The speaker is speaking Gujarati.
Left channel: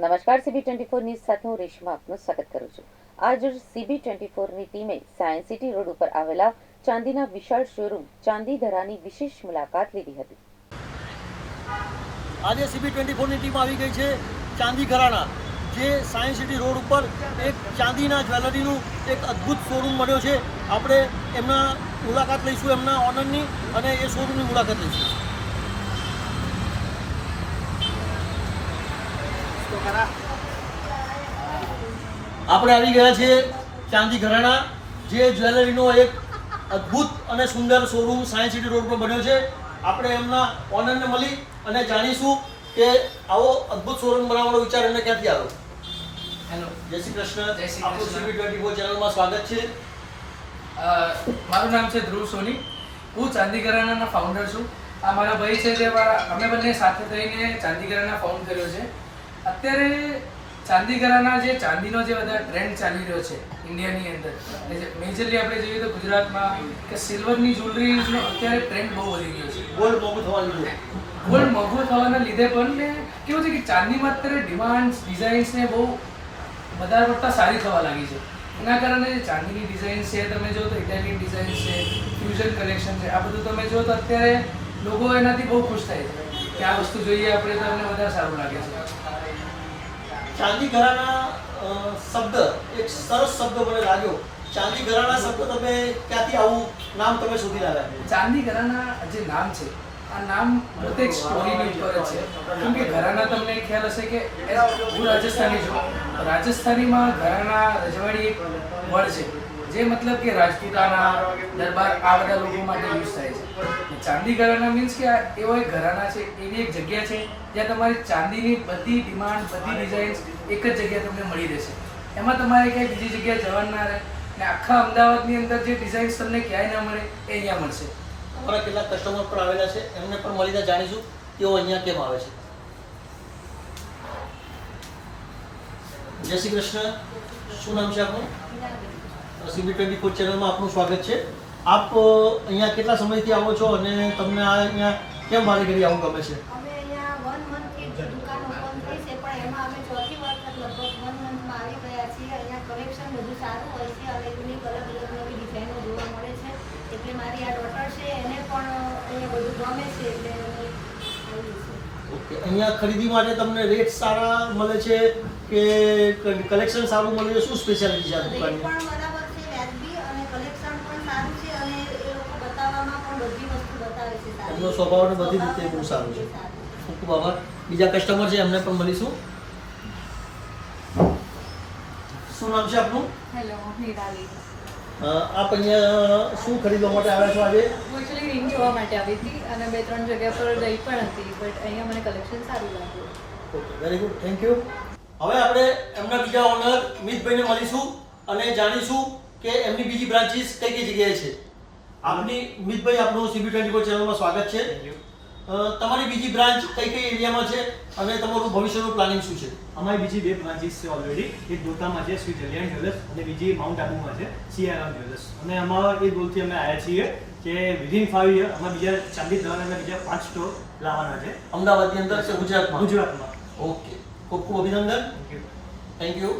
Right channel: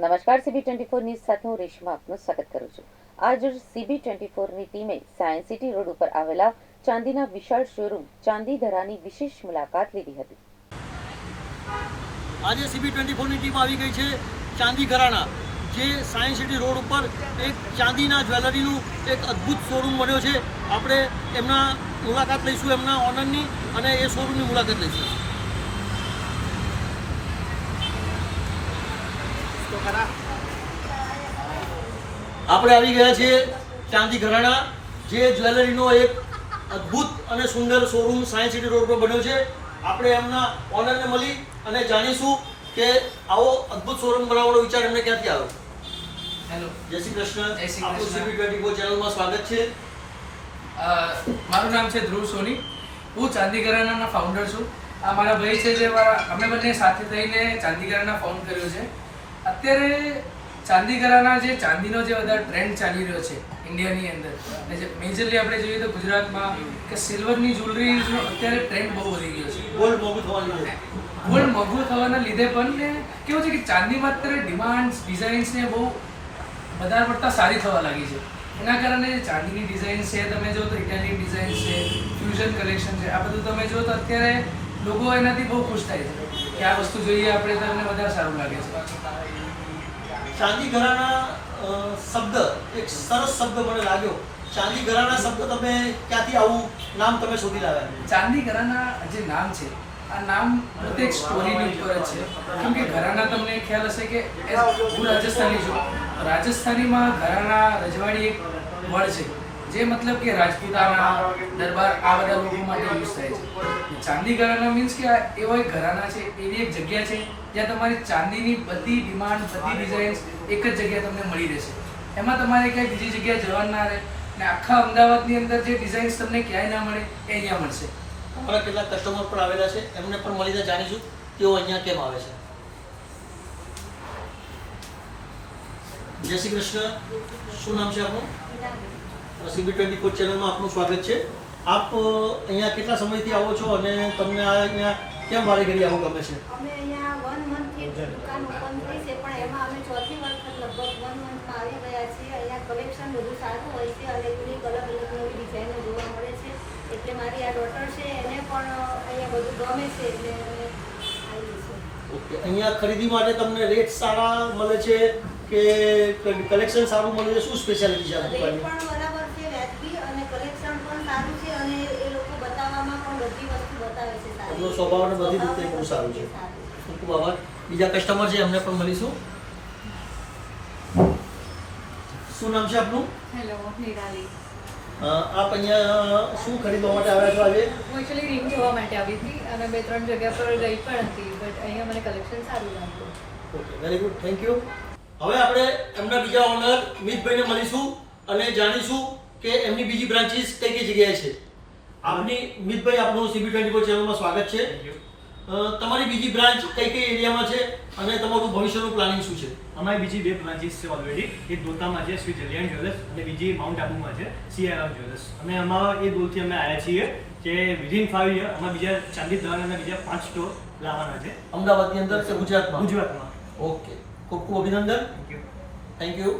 નમસ્કાર સીબી ટ્વેન્ટી ફોર ન્યૂઝ સાથે હું રેશમા આપનું સ્વાગત કરું છું. આજ સીબી ટ્વેન્ટી ફોરની ટીમે સાયન્સ સિટી રોડ ઉપર આવેલા ચાંદીના વિશાળ શોરૂમ ચાંદી ધરાની વિશેષ મુલાકાત લીધી હતી. આજે સીબી ટ્વેન્ટી ફોરની ટીમ આવી ગઈ છે ચાંદી ઘરાણા, જે સાયન્સ સિટી રોડ ઉપર એક ચાંદીના જ્વેલરીનું એક અદ્ભુત શોરૂમ બન્યો છે. આપણે એમના મુલાકાત લઈશું, એમના ઓનરની અને એ શોરૂમની મુલાકાત લઈશું. આપણે આવી ગયા છીએ ચાંદી ઘરાણા જે જ્વેલરીનો એક અદ્ભુત અને સુંદર શોરૂમ સાયન્સ સિટી રોડ પર બન્યો છે. આપણે એમના ઓનરને મળી અને જાણીશું કે આવો અદ્ભુત શોરૂમ બનાવવાનો વિચાર એમને ક્યાંથી આવ્યો. હેલો જય શ્રી કૃષ્ણ. જય શ્રી આપણું. સીબી ટ્વેન્ટી ફોર ચેનલમાં સ્વાગત છે. મારું નામ છે ધ્રુવ સોની. હું ચાંદી ઘરાણાના ફાઉન્ડર છું. આ મારા ભાઈ છે જે મારા અમે બંને સાથે થઈને ચાંદી ઘરાણા ફાઉન્ડ કર્યો છે. અત્યારે ચાંદીગરાના જે ચાંદીનો જે બધા ટ્રેન્ડ ચાલી રહ્યો છે ઇન્ડિયાની અંદર. અને જે મેજરલી આપણે જોઈએ તો ગુજરાતમાં કે સિલ્વરની જ્વેલરીનો અત્યારે ટ્રેન્ડ બહુ વધી ગયો છે. ગોલ્ડ મોંઘું થવાનું ગોલ્ડ મોંઘું થવાના લીધે પણ ને કેવું છે કે ચાંદીમાં અત્યારે ડિમાન્ડ ડિઝાઇન્સ ને બહુ વધારે પડતા સારી થવા લાગી છે. એના કારણે જે ચાંદીની ડિઝાઇન છે તમે જો તો ઇટાલિયન ડિઝાઇન છે ફ્યુઝન કલેક્શન છે આ બધું તમે જો તો અત્યારે લોકો એનાથી બહુ ખુશ થાય છે કે આ વસ્તુ જોઈએ આપણે તો અમને વધારે સારું લાગે છે. ચાંદી ઘરાના શબ્દ, એક સરસ શબ્દ મને લાગ્યો. ચાંદી ઘરાના શબ્દ તમે ક્યાંથી આવું નામ તમે શોધી લાવ્યા ચાંદી ઘરાના જે નામ છે, આ નામ પોતે એક સ્ટોરીની ઉપર છે. કેમ કે ઘરાના તમને ખ્યાલ હશે કે હું રાજસ્થાની છું. રાજસ્થાનીમાં ઘરાના રજવાડી એક વડ છે. જે મતલબ કે રાજપૂતાના દરબાર આ બધા લોકો માટે યુઝ થાય છે. ચાંદી ઘરાના મીન્સ કે એવો એક ઘરાના છે એવી એક જગ્યા છે જ્યાં તમારી ચાંદીની બધી ડિમાન્ડ બધી ડિઝાઇન્સ એક જ જગ્યાએ તમને મળી રહેશે. એમાં તમારે ક્યાંય બીજી જગ્યાએ જવાનું ના રહે ને આખા અમદાવાદની અંદર જે ડિઝાઇન્સ તમને ક્યાંય ના મળે, એ અહીંયા મળશે. અમારા કેટલાક કસ્ટમર પણ આવેલા છે, એમને પણ મળીને જાણીશું તેઓ અહીંયા કેમ આવે છે. જય શ્રી કૃષ્ણ. શું નામ છે આપનું? સીબી ટ્વેન્ટી ફોર ચેનલમાં આપનું સ્વાગત છે. આપ અહીંયા કેટલા સમયથી આવો છો અને તમને આ અહીંયા કેમ મારે ઘડી આવું ગમે છે? અહીંયા વન મંથથી દુકાન ઓપન પણ એમાં અમે વન મંથમાં આવી અહીંયા કલેક્શન બધું સારું હોય છે અને જોવા મળે છે. એટલે મારી આ ડોટર છે, એને પણ અહીંયા બધું ગમે છે. એટલે અહીંયા ખરીદી માટે તમને રેટ સારા મળે છે કે કલેક્શન સારું મળે છે શું સ્પેશિયાલિટી છે આ દુકાનની? પણ બરાબર છે વ્યાજબી અને કલેક્શન પણ સારું છે અને એ લોકો બતાવવામાં પણ બધી વસ્તુ બતાવે છે સારી. એમનો સ્વભાવ બધી રીતે બહુ સારું છે. ખૂબ ખૂબ આભાર. બીજા કસ્ટમર છે એમને પણ મળીશું. શું નામ છે આપનું? હેલો નિરાલી આપ અહીંયા શું ખરીદવા માટે આવ્યા છો આજે? હું એકચ્યુઅલી રિંગ જોવા માટે આવી હતી અને બે ત્રણ જગ્યા પર ગઈ પણ હતી બટ અહીંયા મને કલેક્શન સારું લાગ્યું. Okay very good thank you હવે આપણે એમના બીજા ઓનર મિતભાઈને મળીશું અને જાણીશું કે એમની બીજી બ્રાન્ચીસ કઈ કઈ જગ્યાએ છે. આપની મિતભાઈ આપનું સીબી ટ્વેન્ટી ફોર ચેનલમાં સ્વાગત છે. તમારી બીજી બ્રાન્ચ કઈ કઈ એરિયામાં છે અને તમારું ભવિષ્યનું પ્લાનિંગ શું છે? અમારી બીજી બે બ્રાન્ચીસ છે ઓલરેડી એક દોતામાં છે શ્રી જલિયાન જ્વેલર્સ અને બીજી માઉન્ટ આબુમાં છે સીઆરઆર જ્વેલર્સ. અને અમારા એ ગોલથી અમે આવ્યા છીએ કે વિધિન ફાઈવ યર અમે બીજા ચાંદી દ્વારાના બીજા પાંચ સ્ટોર લાવવાના છે. અમદાવાદની અંદર છે ગુજરાતમાં? ગુજરાતમાં. ઓકે ખૂબ ખૂબ અભિનંદન. Thank you